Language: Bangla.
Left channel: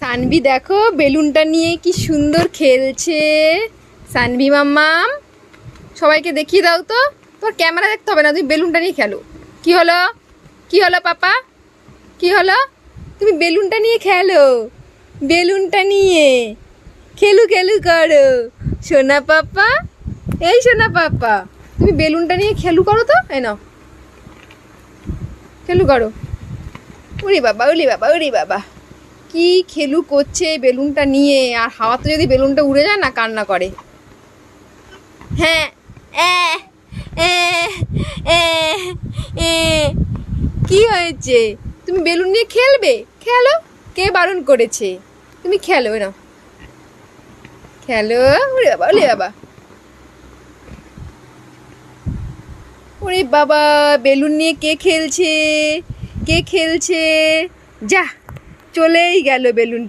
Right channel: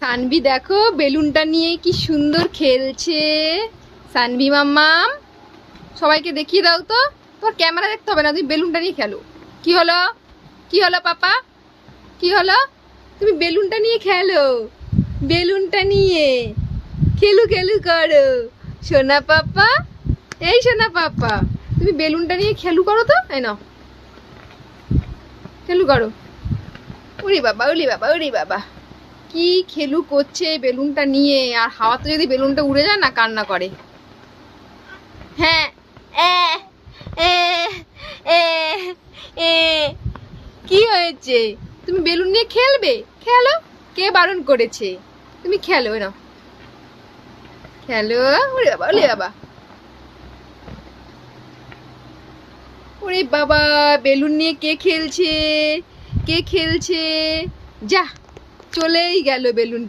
সানভি দেখো বেলুনটা নিয়ে কি সুন্দর খেলছে। সানভি মাম্মাম, সবাইকে দেখিয়ে দাও তো। তোমার ক্যামেরা দেখতে হবে না, তুমি বেলুনটা নিয়ে খেলো। কি হলো, কি হলো পাপা, কি হলো? তুমি বেলুনটা নিয়ে খেলো, বেলুনটা নিয়ে খেলু খেলু করো সোনা পাপা। এই সোনা পাপা, তুমি বেলুনটা নিয়ে খেলু করো তো। এই নাও, খেলু করো। উরি বাবা, উরি বাবা, উরি বাবা, কি খেলু করছে বেলুনটা নিয়ে। আর হাওয়াতে যদি বেলুনটা উড়ে যায় না, কান্না করে। হ্যাঁ, এ এ এ এ কি হয়েছে? তুমি বেলুন নিয়ে খেলবে, খেলো। কে বারণ করেছে? তুমি খেলো না, খেলো। ওরে বাবা, ওরে বাবা, ওরে বাবা, বেলুন নিয়ে কে খেলছে, কে খেলছে? যা, চলেই গেল বেলুন।